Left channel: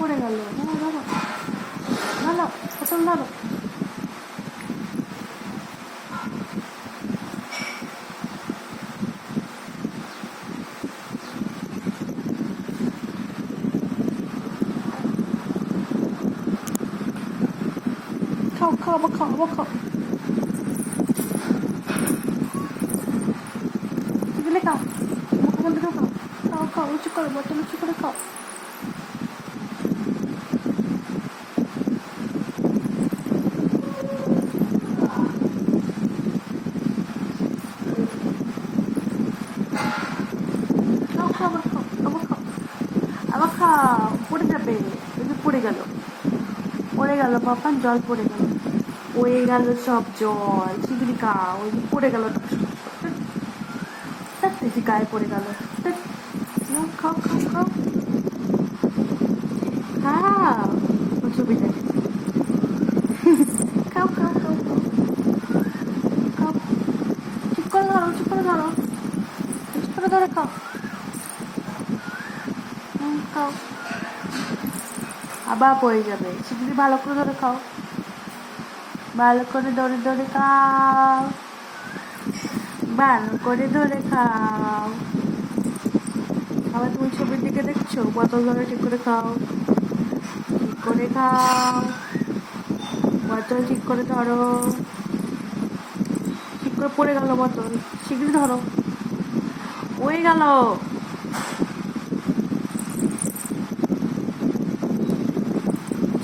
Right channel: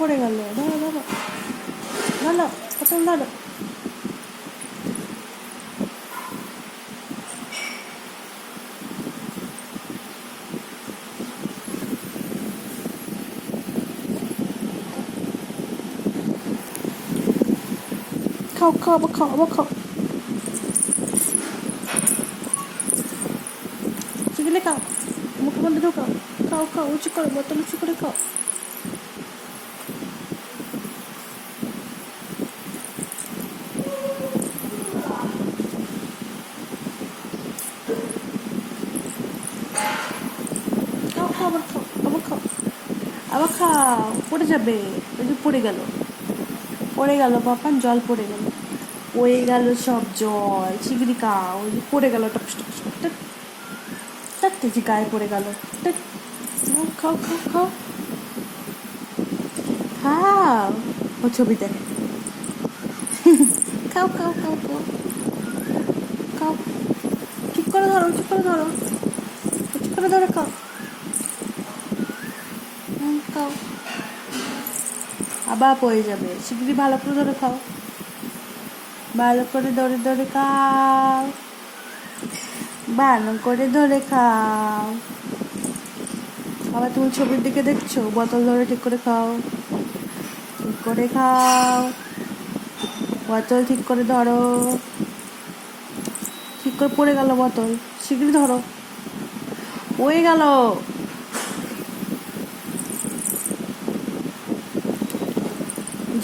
পড়ে গেল। ধরো ধরো ধরো, পটল ধরো। খাও খাও, আবার খাও, আবার খাও। চিকেলে খাও, মুখ বন্ধ ঢোকাও। খাও খাও, উঁচু করে, বোতল উঁচু করে খাও। খাও খাও, আবার খাও, আবার খাও, আবার খাও। পড়ে যাবে, এই যে পড়ে গেল, পড়ে গেল পাপা, জল পড়ে গেল, পড়ে গেল সব জল। শিগগিরি খাও, ওই যে পড়ে গেল টপস টপস করতে, চারটে যে গায়ে পড়ে গেল। নাও, খাও খাও খাও খাও, ও ছবি দেয়। খাও খাও খাও খাও খাও, ঠিক করে ধরো, ঠিক করে ধরো, ঠিক করে ধরো, খাও। খাও, আবার পড়ে যাবে, শিগগিরি ভালো করে ধরে খাও, ভালো করে ধরে ধরে খাও, ভালো করে ধরে খাও। আবার তুমি ছবির দিকে দেখছো, বোতল ধরে ঠিক করে খাও, ঠিক করে খাও, বোতল ঠিক করে ধরো, ঠিক করে পড়ে গেল বোতল, শিগগিরি ধরো, পড়ে গেল।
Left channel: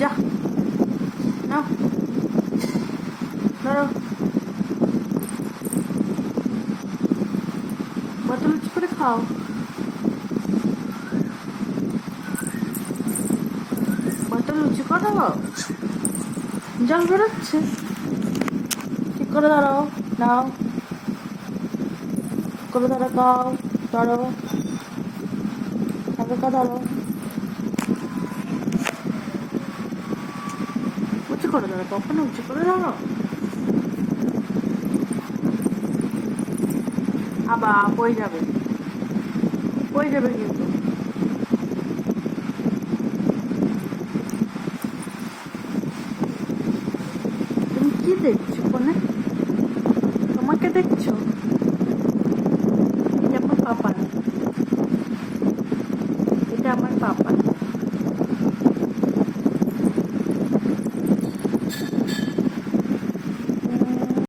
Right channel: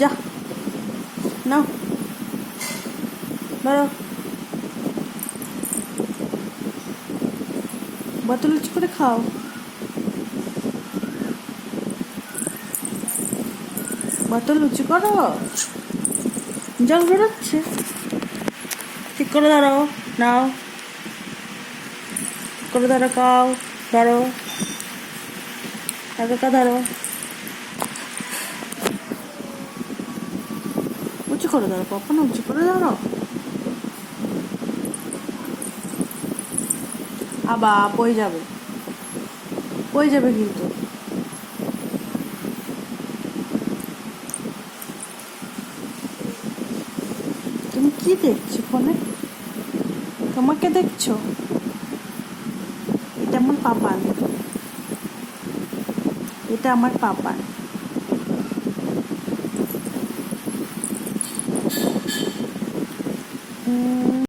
যা, না ধরো, বোতল উঁচু করে খাও, বোতল উঁচু করো, জল বেরোচ্ছে। ঠিক করে ধরো, নাও, ঠিক করে ধরো, খাও, ধরো, হালকা ধরো, উঁচু করে ধরো, কখনো উঁচু করে ধরো। আবার পড়ে যাবে, পড়ে যাবে কিন্তু। তুমি কি দেখছো ফোনে? তোমাকে দেখছো? এটা আমার পাপান, এটা আমার পাপান।